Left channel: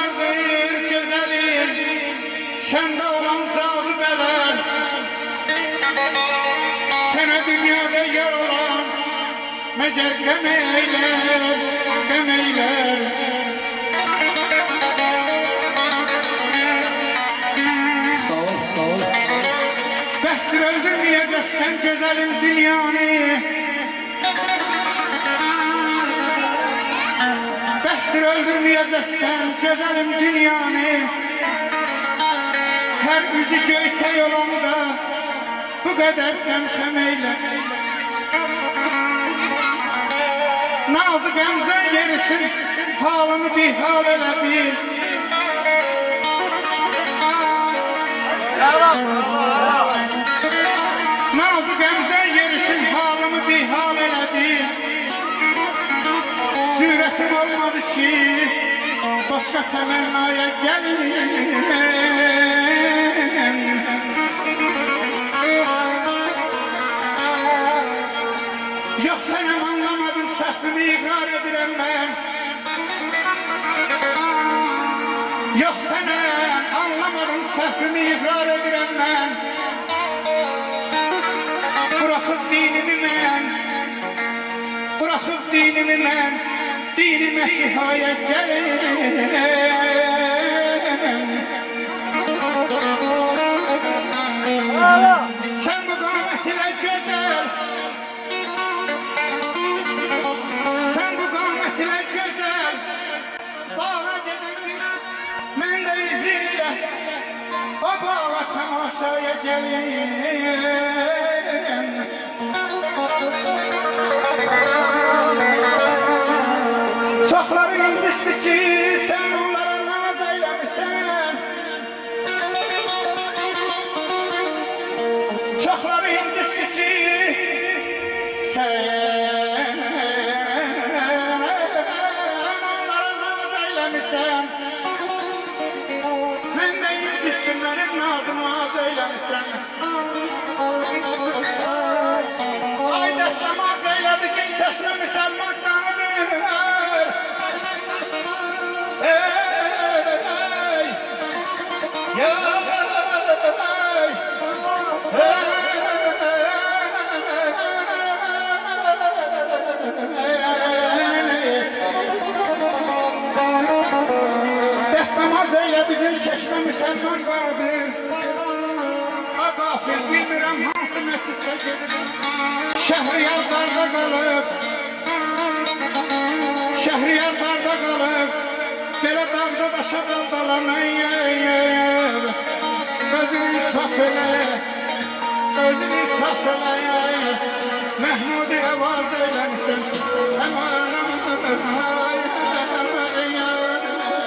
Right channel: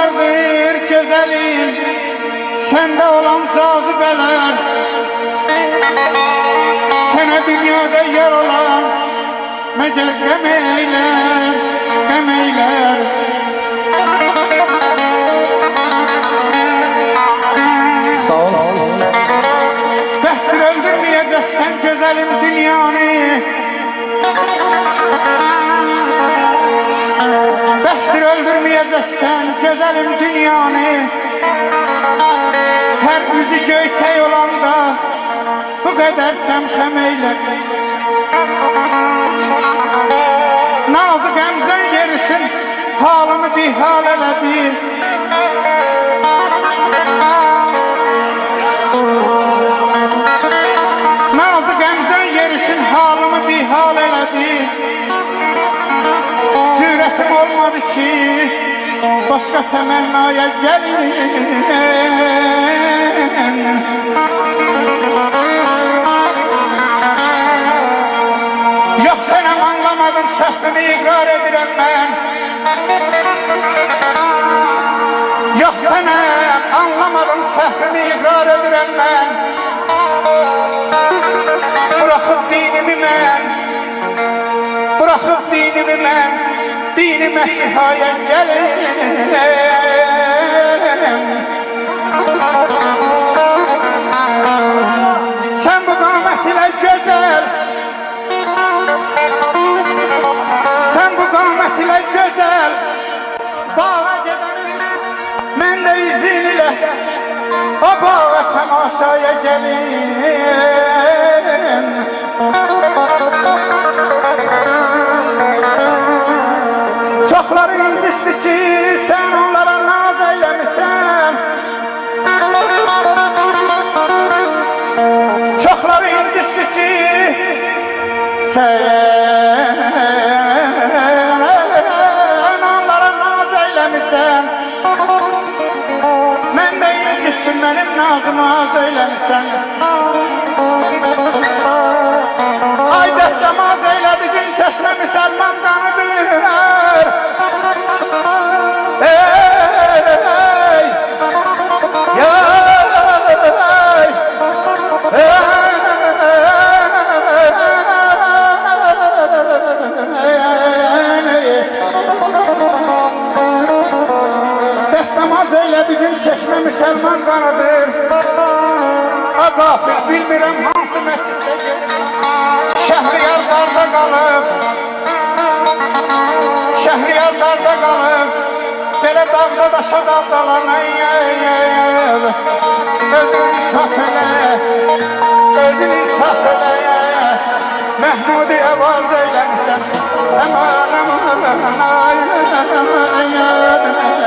vardır güzelim, sende olan cazibeler. Sana dünyada yer olan mecel gemeyler, gemeyler. Sağ ol, sağ ol. Bəsdir öldürməyəcəksən güzelim dünyanı. Bəsdir öldürməyəcəksən güzelim dünyanı. Her üzü göyçək olanda bu kadar çəmşəm eylə. Nazı qəmzən yerişin halımı bir hal elədi. Nazı qəmzən yerişin halımı bir hal elədi. Cürətim olmadı ki başka təmənnaya gəlin. Yok sənəm anlamadım, səhvimi iqrar edirəm mən. Yok sənəm anlamadım, səhvimi iqrar edirəm mən. Bıraxıb dinimi mən, bıraxıb dinimi mən, dini məsihaya gəlin. Sen bu qamət ilə gözəl, sen bu qamət ilə gözəl bağa gedəndə mən də izin ilə o bağa tamaşaya gəlin. Çoxları incişdi ki sen onlara naz eyləmişsən. Çoxları incişdi ki sen onlara naz eyləmişsən. Mən də inciş ki mənim nazımı az eyləmişsən. Ay dəstəmaz eylədi gün çeşmə müsəlman qanıdır. Ey, ya, dəstəmaz eylədi gün çeşmə müsəlman qanıdır. Qafil bilmirəm hansı məsciddə gedir. Şəhriyar darda qalıb, şəhriyar darda qalıb. Belə dağda daşa daldalanayım. Özünü insaf elə, özünü insaf elə. Məhmudi əvaz eyləmişsən. Əman, əman, əman, əman, əman, əman.